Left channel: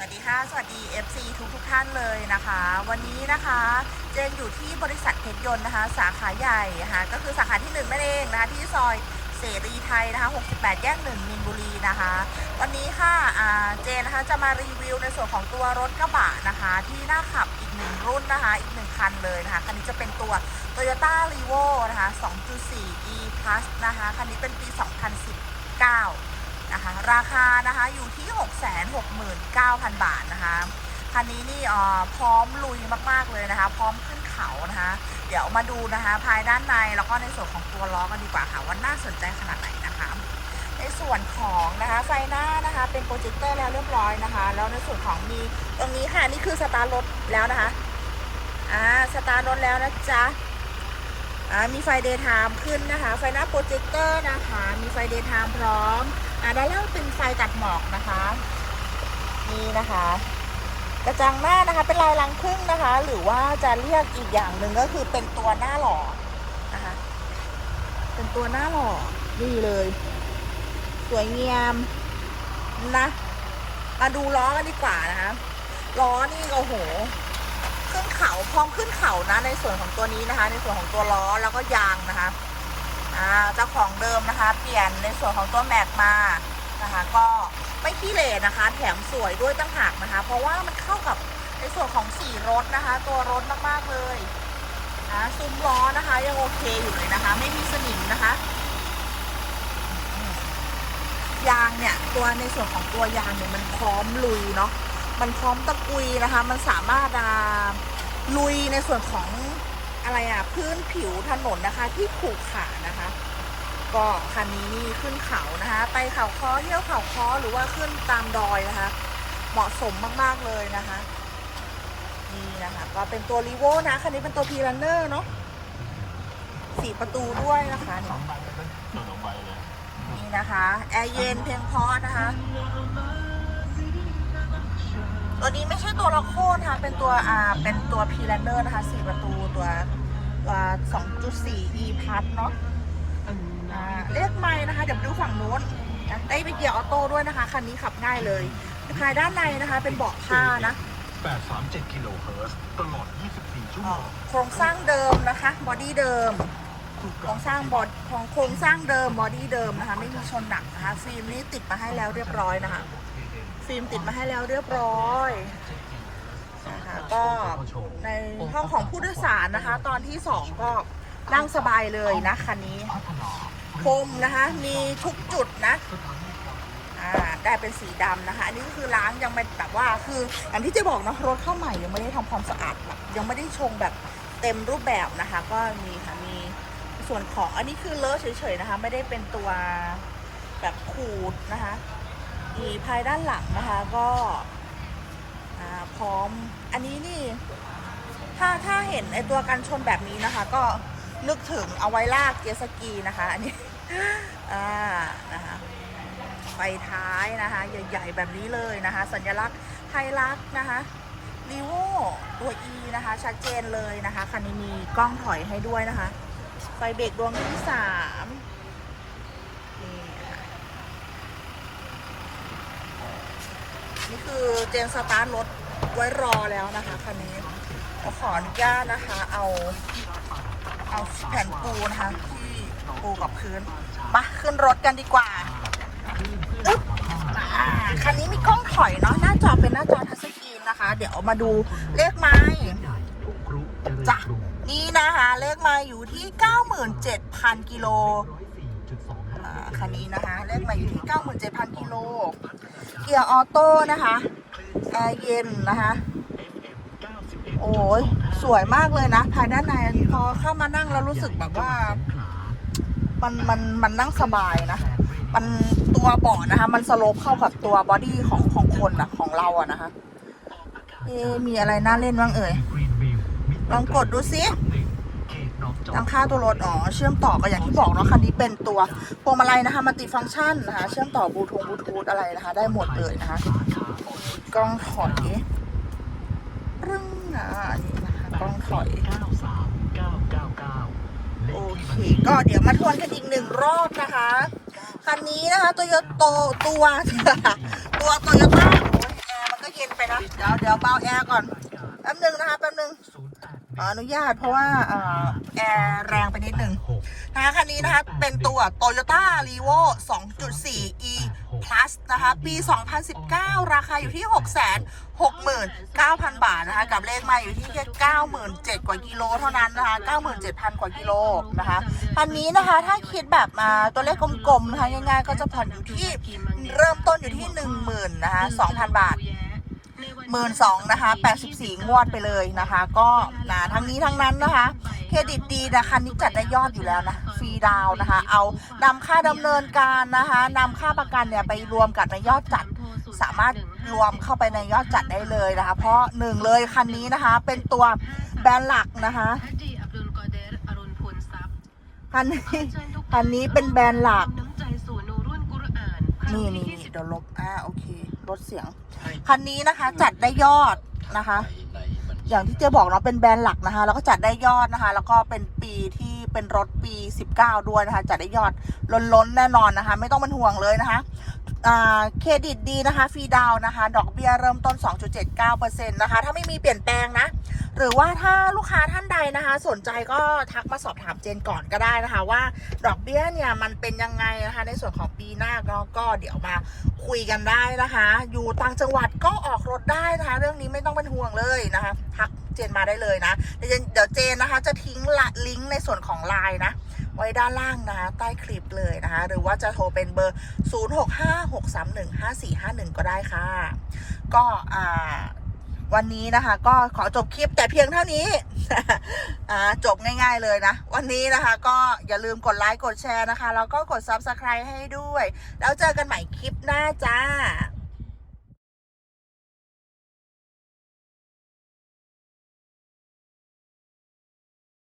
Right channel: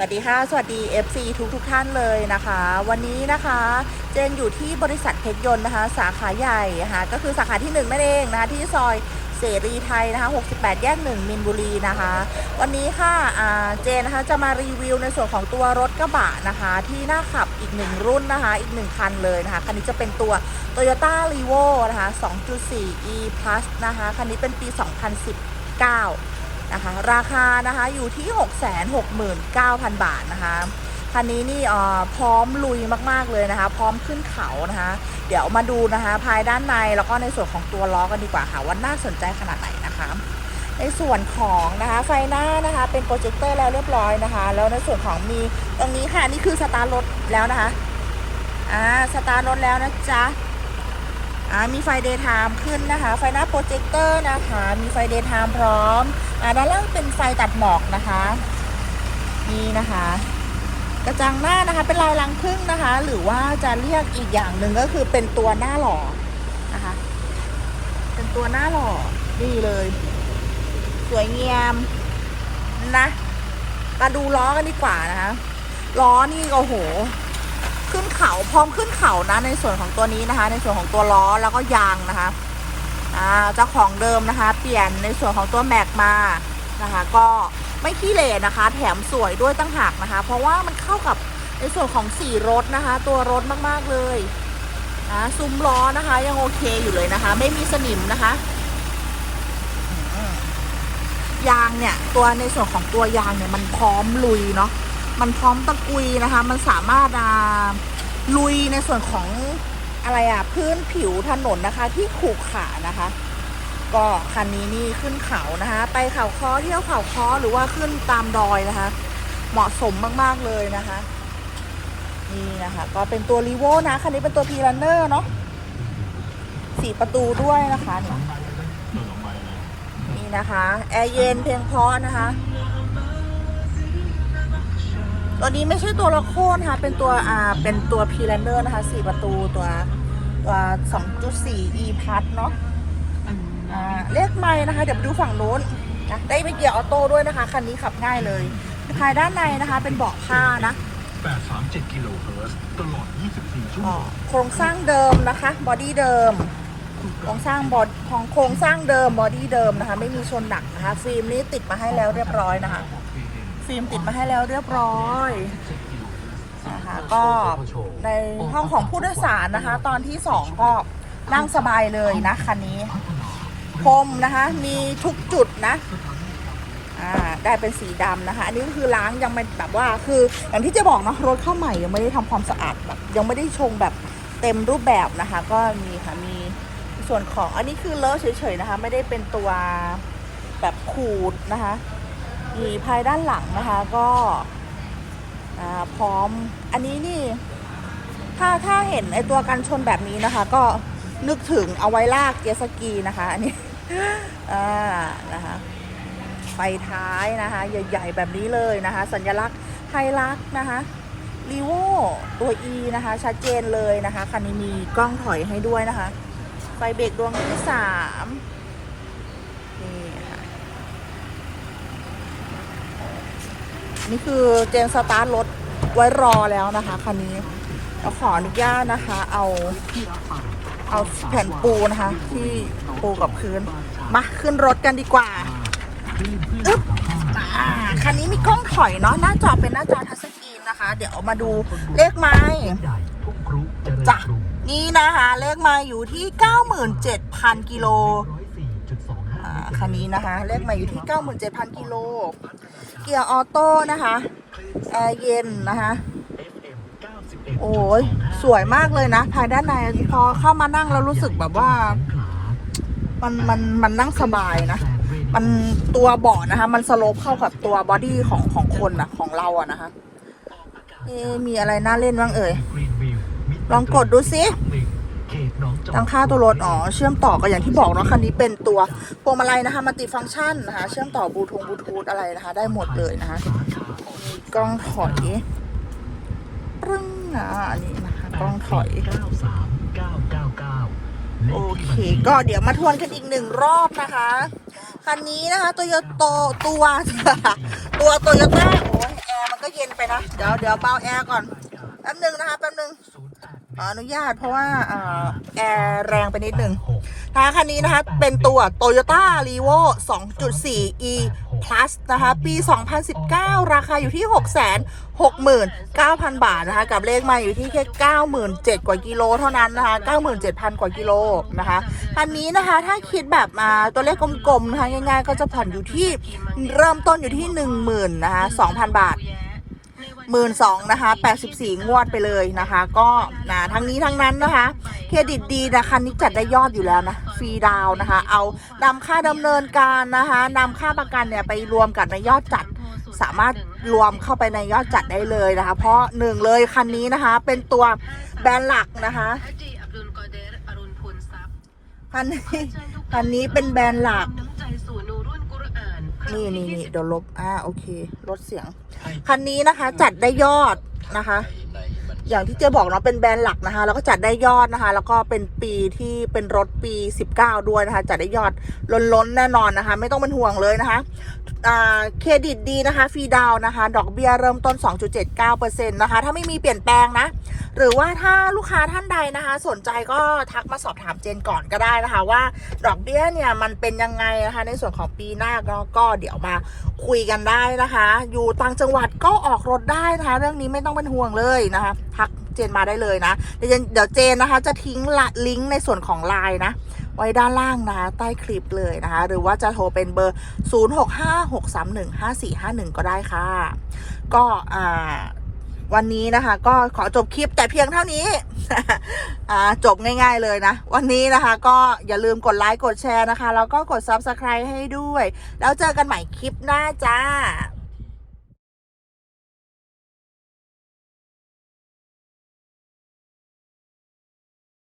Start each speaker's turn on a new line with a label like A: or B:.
A: สวัสดีค่ะ สวัสดี FC ทุกทุกท่านเลยนะคะ วันนี้นะคะ เจนอยู่ที่บริษัทเพชรยนต์นะคะ สาขาใหญ่นะคะก็คือสาขาที่1นั่นเองนะคะที่ซอยเสรีไทยนะคะ 68 แยก 1 มินบุรีนะคะ วันนี้ค่ะเจนนะคะจะมารีวิวในส่วนของตัวรถกระบะนะคะ ที่น่าขับอีกหนึ่งรุ่นนะคะ อีกหนึ่งคันเลยนะคะ คันนี้จะเป็นตัว Toyota r e v o นะคะ 2.4 e plus นะคะ คันนี้เป็นปี 2019 นะคะราคานะคะอยู่ที่ 669,000 บาทนะคะคันนี้นี่พร้อมลุยมากๆเลยนะคะ พร้อมขึ้นเขานะคะ เดี๋ยวมาดูนะคะ ภายด้านในแล้วก็ในส่วนของตัวล้อกันดีกว่าค่ะว่าน่าสนใจขนาดไหนนะคะในส่วนของนะคะไฟหน้านะคะเป็นโปรเจคเตอร์แล้วเรียบร้อยนะคะ แล้วในส่วนของมีตรงนี้ค่ะนี่คือสตาร์ทรถแล้วนะคะอ่าสตาร์ทรถแล้วนะจ๊ะ มีไฟเดย์ไทม์ขึ้นนะคะ ไฟหน้าโปรเจคเตอร์นะคะ มีไฟเดย์ไทม์พร้อมอ่าด้านล่างเป็นไฟตัดหมอกนะคะนี่นะคะ กระจังหน้านะคะเป็นลายลังพึ่งนะคะ หรือว่าจะเรียกอีกอย่างหนึ่งก็คือเป็นตัวหน้าหล่อนะคะเป็นตัวหน้าหล่อดีเลยสวยงามนะมาดูล้อกันดีกว่านะคะล้อนี่โอ้โห ขึ้นเขาพร้อมขึ้นเขานะในส่วนของตัวนี้นะคะ ในส่วนของตัวล้อแล้วก็ยางนะคะอ่าเจ้าของเดิมนะคะ เปลี่ยนในส่วนของตัวแม็กมานะคะ ก็ไม่ขี้เหร่นะคะ แถมสวยด้วยตั้งหากนะคะ เพราะว่ามันเข้ากับในส่วนของสีรถนะคะ ตัวรถมากๆเลยนะซุ้มล้อนะคะ ยังโอเคอยู่เลยนะคะ ไม่มีสนิมนะคะยางเนี่ย ตัวในส่วนของตัวยางเนี่ยมันพร้อมลุยเนาะ มันพร้อมตะกุยนะคะ มันสามารถอ่าลุยในส่วนของอะไรอะพื้นผิวถนนนะคะ ที่ขรุขระนะคะ ก็คันนี้นี่ขึ้นเขานะคะ ไปเขาค้อเที่ยวเขาค้อหรือว่าขึ้นตามดอยนะคะ เหมาะสมมากๆเลยนะคะนี่นะคะก็เป็นตัวรีโวนะคันนี้เป็นตัวพีรันเนอร์เนาะสี่ประตูด้วยนะคะนี่นะคะ แอร์เย็นเพียงพอนะคะ ตัวนี้ไม่ใช่ตัวละโคนนะคะ เป็นตัวอ่าเป็นตัวพีแลนเดอร์นะคะสี่ประตูตัวตัวสองจุดสี่ e พัทเนาะอ่าเลขไม่นะคะ เดี๋ยวไปดูฝั่งนู้นนะได้ไม่เกี่ยวออโต้ด้วยนะคะ คันนี้ขับง่ายเลยภายด้านในนะคะ เป็นเบาะผ้านะ
B: 837กิโลเฮิรตซ์ตลอด 24 ชั่ว
A: อ๋
B: โม
A: องโครงสร้างเดิมนะคะ บอดี้เดิม โครงสร้างบอดของโครงสร้างเดิม บอดี้เดิมนะคะ ไม่มีชนหนักนะคะ ฟิล์มนี้ติดมาให้แล้วเรียบร้อยนะคะ ฟิล์มติดมาให้แล้วเรียบร้อยนะคะก็ในห้องของผู้โดยสารนะคะ ตอนที่สองก็นั่งสบายเลยนะคันนี้พรมนะคะ มีทุกจุดนะอ่าได้เป็นสีดำนะคะ อันนี้ก็คือล้างยังไม่แบบว่าคืออย่างที่จะบอกเนาะรถเข้าใหม่ยังไม่ได้ทำความสะอาดแบบยังไม่ได้ชงแบบเต็มรูปแบบนะคะ ก็มีค่ะมีส่วนของอันนี้คือเลอะเฉยๆนะคะ ไม่ได้เป็นตัวแบบขูดนะคะ มีภายด้านหลังนะคะก็พร้อมอันนี้นี่ ถ้าถ้าเห็นไอตัวกันชนแบบนี้นะคะ ก็นึกถึงเอาไว้ลากเจตสกีนะคะ อันนี้อ่นะคะไฟท้ายนะคะ ใหญ่ ๆ แบบนี้เลยนะคะ สัญลักษณ์ไฮลักนะคะรีโวตัว E นะคะ ชัดเจนเลยนะคะ คันนี้มีกล้องถอยให้ด้วยนะคะ ไฟเบรกดวงที่สามนี่ค่ะ นี่คือเจนสตาร์ทรถไว้รอแล้วนะคะคันนี้เราขออนุญาตนะคะ เอา เอาแผ่นปูนะคะ ที่ปูกับพื้น มาขึ้นรถกันดีกว่าอึ๊บอ่าคันนี้มีกล้องถอยเนาะหน้าจอเป็นหน้าจอทัชสกรีนนะคะ เดี๋ยวมาดูเลขไม้
B: จ้ะ
A: นี่นะคะ เลขไม้อยู่ที่ 97,000 กิโล คันนี้นะคะเลขมาอยู่ที่ 97,000กิโล เกียร์ออโต้นะคะแอร์เย็นนะคะโอ้ยสวยมากเลยนะ ภายด้านในพอเข้ามานั่งแล้วรู้สึกแบบว่า มันมันมันนั่งสบายนะมันตัวเบาะนะคะ มันสโลปเข้ากับตัวบอดี้ของของคนอะของเราอะนะคะเอ๊ะมีอะไรน่าเล่นบ้างเอ่ย ลองกดดูสิ ทางค่าตัวรถอ๋อเชื่อมต่อก็อย่างที่บอกเนาะคันนี้เป็นตัวพวงมาลัยนะคะมัลติฟังก์ชันนะคะ เชื่อมต่อบลูทูธบลูทูธอะไรนะคะ ได้หมดเลยนะคะมีกล้องถอยปรึ้งอะอันนี้นะคะกล้องถอยโอเคก็เดี๋ยวมาทวนกันอีกหนึ่งรอบนะคะคันนี้นะคะตัวโยโตตัวตัวโตโยต้าโอ้ยแอร์มันก็เย็นไปนะเดี๋ยวเดี๋ยวเบาแอร์ก่อนแป๊บนึงนะคะแป๊บนึงขออนุญาตเพราะว่าอ่าแอ แรงไปนิดนึงนะคะคันนี้นะคะเป็นตัว Toyota r e v o 2.4 e plus นะคะปี 2019 ราคาอยู่ที่ 669,000 บาทนะคะ กับเลขมาอยู่ที่แค่ 97,000 กว่ากิโลเท่านั้นนะคะ 97,000 กว่ากิโลนะคะคันนี้นะคะถ้าคิดแบบมาตัวเลขกลมๆนะคะง่ายๆ ก็จะผ่อนอยู่ที่เริ่มต้นอยู่ที่ 10,000นะคะ2,000 บาทหมื่นสองนะคะแปดสิบสี่งวดไปเลยนะคะ ก็นะทั้งนี้ทั้งนั้นนะคะ เครดิตดีนะคันนี้จัดได้ยอดอยู่แล้วนะฟรีดาวนะคะ เอานำค่าดำเนินการนะคะนำค่าประกันเนี่ยไปรวมกับในยอดจัดสามารถรวมเข้าไปในยอดจัดได้เลยนะคะ เพราะหนึ่งเลยคันนี้นะคะ เป็นตัวแบรนด์หลักนะคะคันนี้คันนี้เป็นแบรนด์หลัก
C: นี่นี่นี่
A: เดี๋ยวลบอ่าโอเคลดเสียง คันนี้นะคะจัดได้ยอดนะคะ อย่างที่เจ๊บอกเนาะเป็นแบรนด์หลักนะคะ แล้วก็จัดได้ยอดนะคะ แล้วก็เป็นปีที่เป็นรถปี 19 ด้วยนะคะ จัดได้ยอดล้นๆแน่นอนนะคะ ไม่ต้องเป็นห่วงเลยนะคะ เครดิตดีนะคะฟรีดาวนะคะ ดอกเบี้ยเริ่มต้น 2.79%นะคะ ถ้าไม่มีเปลี่ยนแปลงนะ หรือว่าถ้าลูกค้าท่านใดนะคะ สนใจก็ทักมาสอบถามเจนก่อนก็ได้นะคะ ว่าดอกเบี้ยเนี่ยมันเป็นยังไงนะคะ ในส่วนของปีหน้าก็ก็เดี๋ยวมาคุยกันได้นะคะ อยู่ต่างจังหวัดก็ออกรถได้นะคะ เรื่องนี้ไม่ต้องเป็นห่วงเลยนะคะทักเจนมาได้เลยนะ เดี๋ยวเจนนะคะ จะทิ้งละลิงก์ในส่วนของไลน์นะ ไว้ด้านล่างนะคะ ใต้คลิปเลยนะคะ หรือว่าจะโทรเป็นเบอร์ 0656315451 ก็ได้ค่ะ ก็อ่าวันนี้นะคะ ก็ขอจบคลิปแต่เพียงเท่านี้จบง่ายๆเลยนะ วันนี้นะคะ ก็อย่าลืมกดไลค์กดแชร์นะคะ แล้วก็กด Subscribe ให้ด้วย แล้วเจอกันใหม่คลิปหน้าจ้า